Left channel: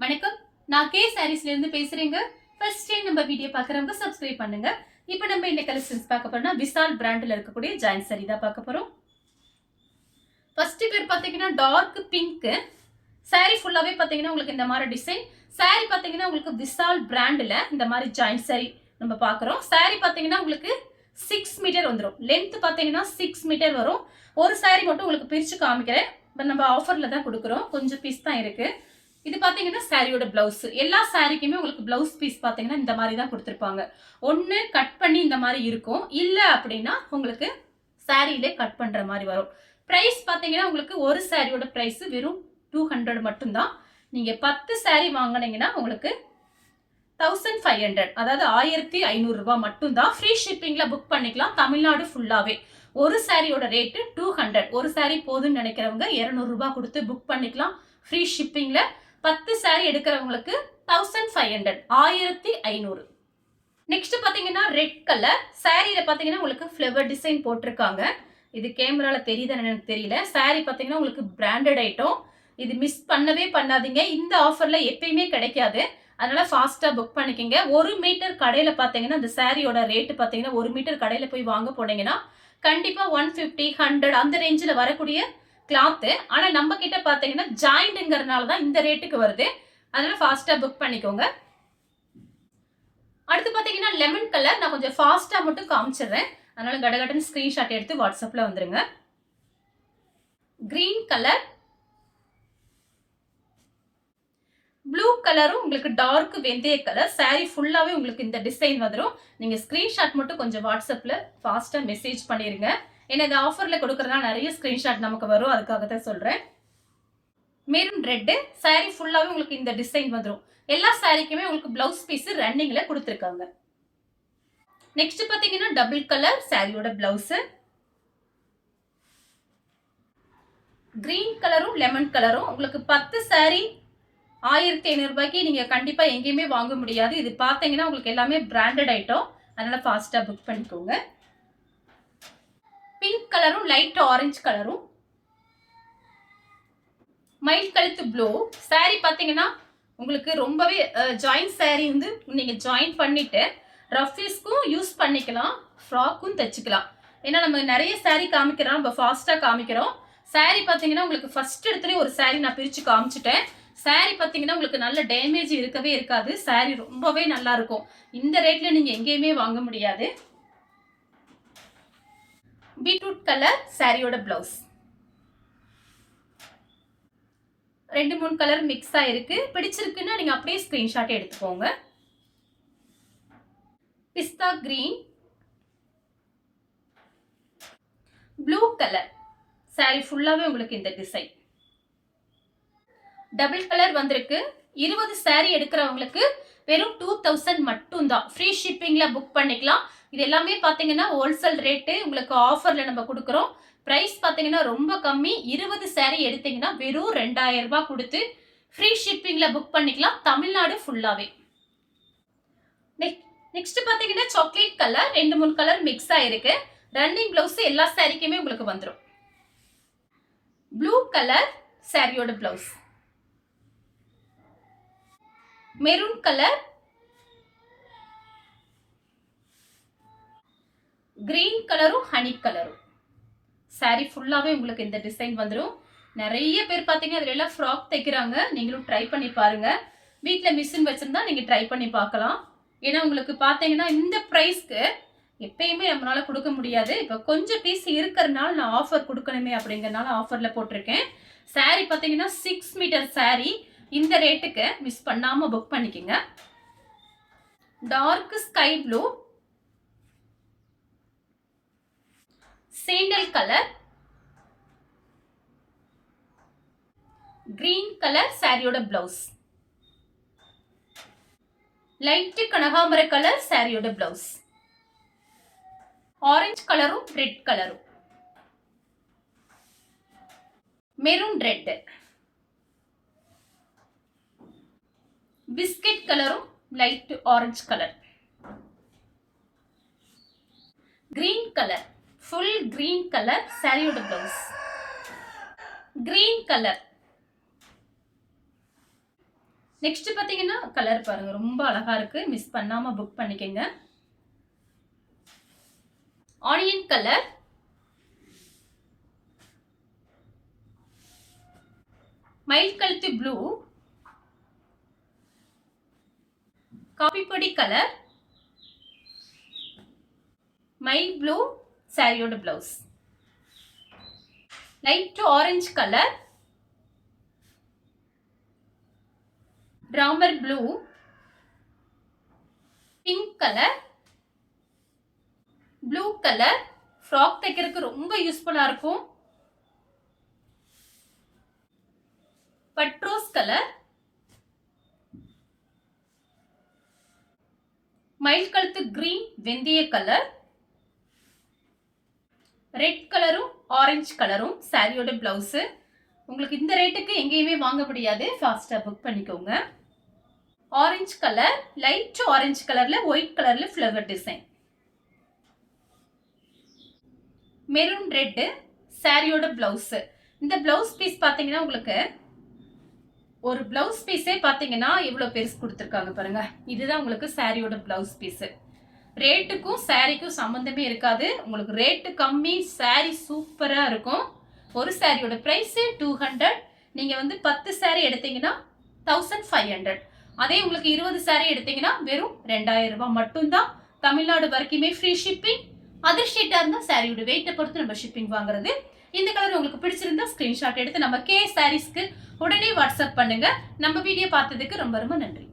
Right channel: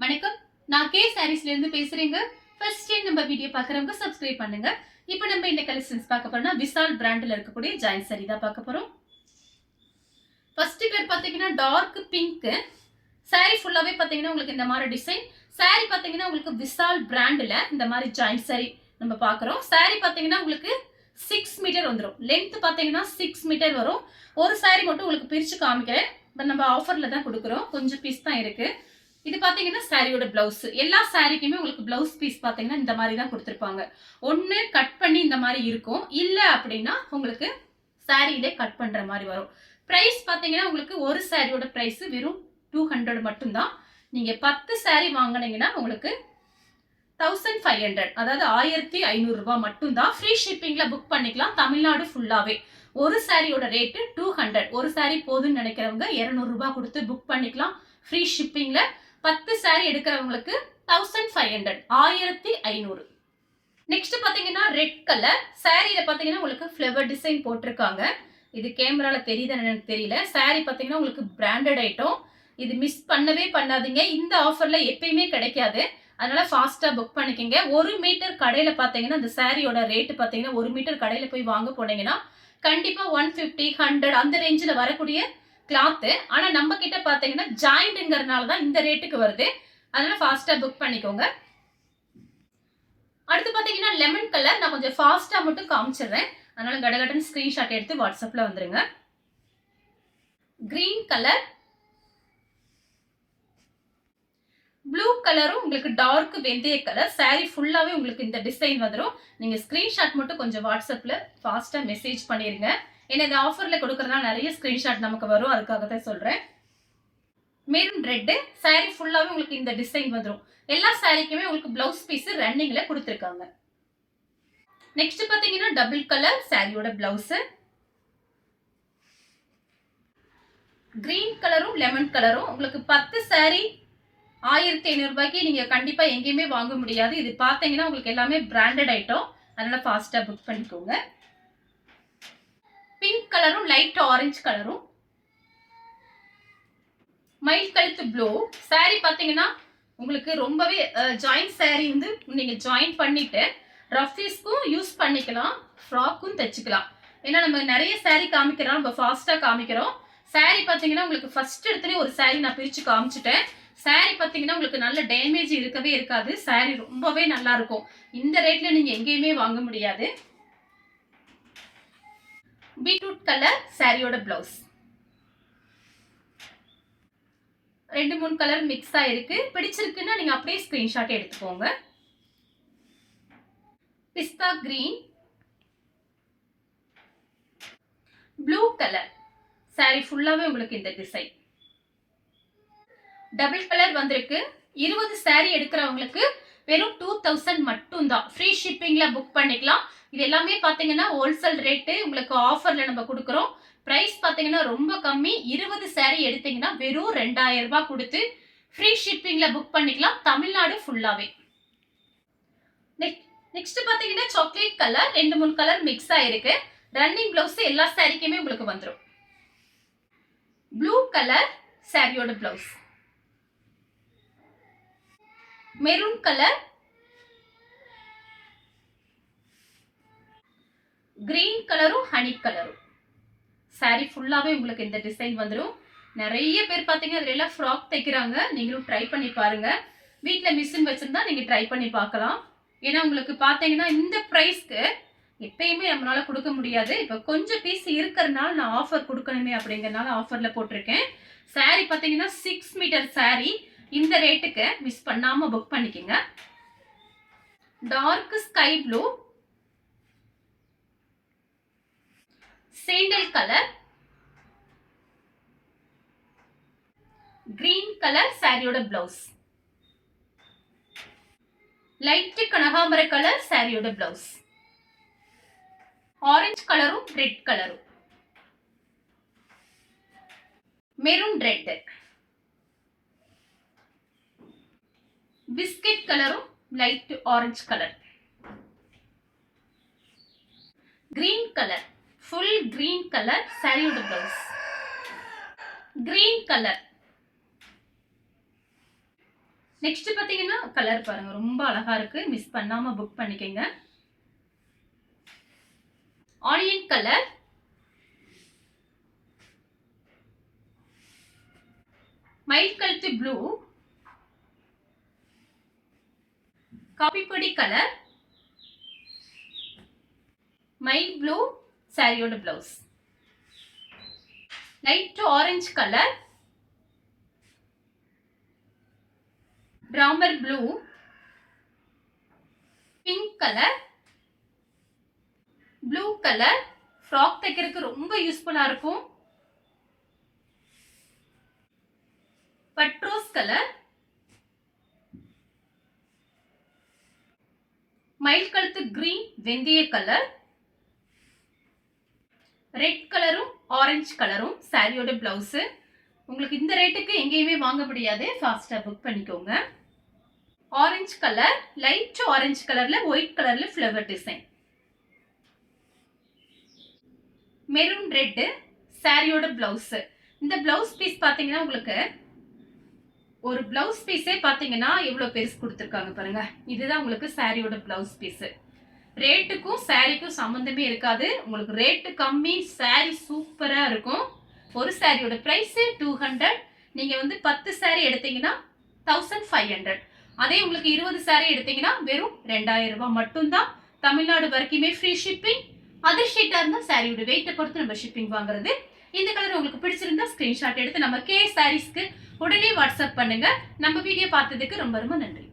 வணக்கம். நான் கே சாரீஸ்ல இருந்து பேசுறேங்க. ஃபர்ஸ்ட் டைம் நம்ம வீடியோ பார்க்குறவங்க சப்ஸ்கிரைப் பண்ணுங்க. இப்போ நம்ம இந்த கலெக்ஷன்ஸ் பார்க்க போறோம்னா விசால் பிராண்ட்ல இருக்கக்கூடிய ஜாயின் சாரி தான் பார்க்க போறோம். ஃபர்ஸ்ட் பேர் பார்த்தீங்கன்னா டார்க் பிங்க். சாரி ஃபுல்லாவே பார்த்தீங்கன்னா உங்களுக்கு இந்த மாதிரி டிசைன். சாரி பார்த்தீங்கன்னா உங்களுக்கு விசால் பிராண்ட்ல இந்த மாதிரி ஜாயின் சாரி நம்ம பார்க்குறோம். சாரி பார்த்தீங்கன்னா உங்களுக்கு 6 மீட்டர் வந்துடும். லென்த் பார்த்தீங்கன்னா 6 மீட்டர் வரும். ஒரு சாரி மட்டும் உங்களுக்கு பிரிச்சு காமிக்கிறேன். நம்ம ஆஃபர்ல தான் கொடுக்குறோம். கொஞ்சம் பீஸ் தான் இருக்கு. இது பாத்தீங்கன்னா சாரியோட பிளவுஸ். எல்லா சாரிக்குமே உங்களுக்கு பிளவுஸ் பீஸ் பாத்தீங்கன்னா இந்த மாதிரி தான் கொடுத்துருப்பாங்க. ஒன்னு கட் பண்ணி இந்த மாதிரி இருக்கும், இல்ல அப்படின்னா உங்களுக்கு சாரியிலே கட் பண்ற மாதிரி வரும். பிரைஸ் பாத்தீங்கன்னா உங்களுக்கு ஒரு சாரியோட பிரைஸ் வெறும் 200 மட்டும்தான். நீங்க 10 சாரி வாங்கினீங்கன்னா உங்களுக்கு 1500, அதாவது 1500 ரூபாய் மட்டும்தான். ஃப்ரீ ஷிப்பிங்ல புக் பண்ணிக்கலாம் தமிழ்நாடு ஃபுல்லாவே. ஒரு சாரியோட ரேட்டு 200. ஒரு சாரி போதுன்னு நினைக்கிறவங்க 200 ரூபாய் கொடுத்து புக் பண்ணிக்கலாம் ஃப்ரீ ஷிப்பிங்ல. 10 சாரி எடுக்கிறவங்களுக்கு 1500, 1500. நெக்ஸ்ட் பாத்தீங்கன்னா ரெட் கலர் சாரியில பாத்தீங்கன்னா உங்களுக்கு ஃப்ளவர் டிசைன் போட்டிருக்காங்க. இது கேமரால தெரியுதுன்னு எனக்கு தெரியல. சாரி பாத்தீங்கன்னா உங்களுக்கு பிராண்டட் ஐட்டம். இது மிஸ் பண்ணவே பண்ணாதீங்க. இந்த ஆஃபர்ல எப்பயுமே கிடைக்காது. அதனால ஃபாஸ்டா புக் பண்ணிக்கங்க. 1 மீட்டர் கடையில பாத்தீங்கன்னா இந்த சாரியோட ரேட் பாத்தீங்கன்னா 1 மீட்டர் கடையில போய் வாங்க போனீங்கன்னா கண்டிப்பா 150, 100 அந்த ரேஞ்சில் வரக்கூடிய கிளாத்து. ஆனா நம்ம கிட்ட பாத்தீங்கன்னா ஜாயிண்ட்ங்கிறதுனால தான் இந்த ரேட்டுக்கு வருது. அதனால ஃபாஸ்டா புக் பண்ணிக்கோங்க. அடுத்து பாத்தீங்கன்னா லெமன் கலர். நான் கொஞ்சம் ஃபாஸ்டா மட்டும் காமிச்சிடுறேன். அதனால கடகடன்னு ஸ்கிரீன்ஷாட் எடுத்து வாட்ஸ்அப்ல வந்துருங்க. கிரீன் கலர், ப்ளூ கலரும் உங்களுக்கு டார்க் வெந்தய கலர். சாரி ஃபுல்லாவே உங்களுக்கு இந்த டிசைன் வந்துடும். நீங்க ஸ்கிரீன்ஷாட் மட்டும் கொஞ்சம் வாட்ஸ்அப்ல ஃபாஸ்டா மெசேஜ் பண்ணிருங்க. ஏன்னா இந்த ஆஃபர்ல கொடுக்கறதுனால நிறைய ஸ்கிரீன்ஷாட் நமக்கு வரும், அதுக்காக தான் சொல்றேன். மெரூன் ரெட் சாரி ஃபுல்லாவே உங்களுக்கு இந்த டிசைன் வந்துடும். எல்லா சாரிக்குமே உங்களுக்கு பிளவுஸ் பீஸ் ரன்னிங்ல கொடுத்துருக்காங்க. நெக்ஸ்ட் பாத்தீங்கன்னா டபுள் கலர் சாரியோட பிளவுஸ். கிரீன் கலரும் லெமன் கலரும் உங்களுக்கு 10 சாரி 1500 ரூபாய்க்கு நீங்க கண்டிப்பா எங்கேயுமே வாங்க முடியாது. இது பாத்தீங்கன்னா உங்களுக்கு எல்லாமே பிராண்டட் ஐட்டம். அதனால ஃபாஸ்டா புக் பண்ணிக்கோங்க. பிங்க் கலரும் லைட் ஆரஞ்சு கலரும், மயில் கழுத்து ப்ளூ சாரி பாத்தீங்கன்னா உங்களுக்கு ரொம்பவே ஜாயின் சாரி வந்து நீங்க ஜாயின் பண்ணிட்டு ரஃபீஸ்க்கும் யூஸ் பண்ணிக்கலாம், ஃப்ராக்கும் தைச்சுக்கலாம். ஏன்னா நம்ம நிறைய சாரி காமிக்கிறோம், நம்ம ஃபாஸ்டா காமிக்கிறோம். சாரி பாத்தீங்கன்னா உங்களுக்கு ஃபர்ஸ்ட் இடத்துல ஒரு சாரி நான் பிரிச்சு காமிச்சிட்டேன். சாரி பாத்தீங்கன்னா உங்களுக்கு நல்ல டேமேஜ் இருக்கவே இருக்காது. சாரி ரொம்பவே நல்லா இருக்கும். இந்த ரேட்ல நீங்க எங்கேயுமே வாங்க முடியாது. பீட்ரூட் கலர் சாரியோட பிளவுஸ். 2-3 கலர் மிக்ஸ் ஆயிருக்கு. பிடிச்சிருக்குன்னா நீங்க அப்படியே ஸ்கிரீன்ஷாட் எடுத்துக்கோங்க. பிஸ்தா கிரீன், ப்ளூ கலர் சாரி ஃபுல்லாவே உங்களுக்கு இந்த டிசைன். டபுள் கலர் வந்திருக்கு. 20 சாரி எடுக்கிறவங்களுக்கு வெறும் 2000 மட்டும் தான். ஃப்ரீ ஷிப்பிங்ல புக் பண்ணிக்கலாம். இது எல்லாமே பாத்தீங்கன்னா ஹோல்சேல் ரேட்டு. உங்களுக்கு ஆஃபர்ல நம்ம கொடுக்குறோம். பிரைஸ் பாத்தீங்கன்னா ரொம்ப கம்மி. 20 சாரி எடுத்தீங்கன்னா வெறும் 2000 ரூபாய் கொடுத்து ஃப்ரீ ஷிப்பிங்ல புக் பண்ணிக்கலாம் தமிழ்நாடு ஃபுல்லாவே. நெக்ஸ்ட் பாத்தீங்கன்னா சாக்லேட் கலர் 2-3 கலர் மிக்ஸ் ஆயிருக்கு. ரன்னிங் பிளவுஸ் எல்லா சாரிக்குமே உங்களுக்கு வந்துடும். ப்ளூ கலர் சாரியோட பிளவுஸ். மெரூன் கலர், கிரீன் கலரும் ஹனி கலரும் சாரி ஃபுல்லாவே உங்களுக்கு இந்த டிசைன் வந்துடும். நிறைய பேர் பாத்தீங்க அதுல எல்லாம் ஃப்ராக் தைக்கிறாங்க. நீங்களும் ட்ரை பண்ணி பாருங்க. வீட்ல மிஷின் வச்சிருந்தா நீங்க ட்ரை பண்ணி பார்க்கலாம். ஏன்னா உங்களுக்கு பாத்தீங்கன்னா இந்த பிரைஸ்க்கு எப்பயுமே நம்மளால கொடுக்க முடியாது. இப்ப கொஞ்சம் பீஸ் இருக்கிறதுனால நான் ஆஃபர் கொடுக்கணுமே அப்படிங்கறதுனால ஆஃபர்ல போட்டிருக்கேன். சாரி பாத்தீங்கன்னா 6 மீட்டர் சாரி. இந்த ரேட்டுக்கு மிஸ் பண்ணாம புக் பண்ணிக்கங்க. Dark sky blue, sandal colour, green colour சாரியோட பிளவுஸ். லைட் கனகாம்பர கலர் சாரியோட பிளவுஸ். ஆரஞ்சு கலரும் ரெட் கலரும், மெரூன் ரெட், பிஸ்கட் கலரும் light orange colour, green colour full green colour சாரியோட பிளவுஸ். கிரீன் கலர், நெக்ஸ்ட் பாத்தீங்கன்னா கலர் பாருங்க, ரொம்ப அழகா இருக்கு. மிஸ் பண்ணாம புக் பண்ணிக்கங்க. ஆனியன் கலர், மயில் கழுத்து ப்ளூ, காபி பொடி கலர், மயில் ப்ளூ சாரியோட blouse, light orange colour, Ramar blue, pink colour, blue colour. Frock தைக்கிறதுக்கு ரொம்ப யூஸ்ஃபுல்லா இருக்கும். பட்ரோஸ் கலர், மயில் கழுத்து கிரீன் வெந்தய கலர், ரெட் கலரும் ஆரஞ்சு கலரும் சாரியோட பிளவுஸ். உங்களுக்கு இந்த ரேட்டுக்கு எங்கேயுமே வாங்க முடியாது, ஃபாஸ்டா புக் பண்ணிக்கோங்க. ஆரஞ்சு கலர், லைட் ஆரஞ்சு கலர்ல ஒயிட் கலர்ல ஃப்ளவர் டிசைன், மெரூன் ரெட் சாரியோட பிளவுஸ். இந்த பிளவுஸ் பீஸ் பாத்தீங்கன்னா உங்களுக்கு ஒரு பிளவுஸ் பீஸே பாத்தீங்கன்னா எவ்வளவு பெருசு கொடுத்துருக்காங்க பாருங்க. இதுதான் உங்களுக்கு சாரியோட பிளவுஸ் பீஸ். ரேட்டுக்கும் சாரிக்கும் சம்பந்தமே இருக்காது. உங்களுக்கு ரேட்டு கம்மி, சாரி சூப்பரா இருக்கும். ஒரு சாரியோட பிரைஸ் 200. நீங்க வந்து 10 சாரி எடுத்தீங்கன்னா 1500. அதே உங்களுக்கு 20 சாரி எடுத்தீங்கன்னா வெறும் 2000 ரூபாய் மட்டும்தான். தமிழ்நாடு வரைக்குமே ஃப்ரீ ஷிப்பிங். அதர் ஷீட்டா இருந்தா சாரியோட வெயிட்டை பொறுத்து நம்ம ஷிப்பிங் வாங்குறது. இந்த கலர் உங்களுக்கு பிடிச்சிருந்தா ஸ்கிரீன்ஷாட் எடுத்து நம்ம கே சாரீஸ்க்கு உடனே வாட்ஸ்அப் பண்ணுங்க. நம்ம வீடியோ பார்த்ததுக்கு ரொம்ப ரொம்ப நன்றி.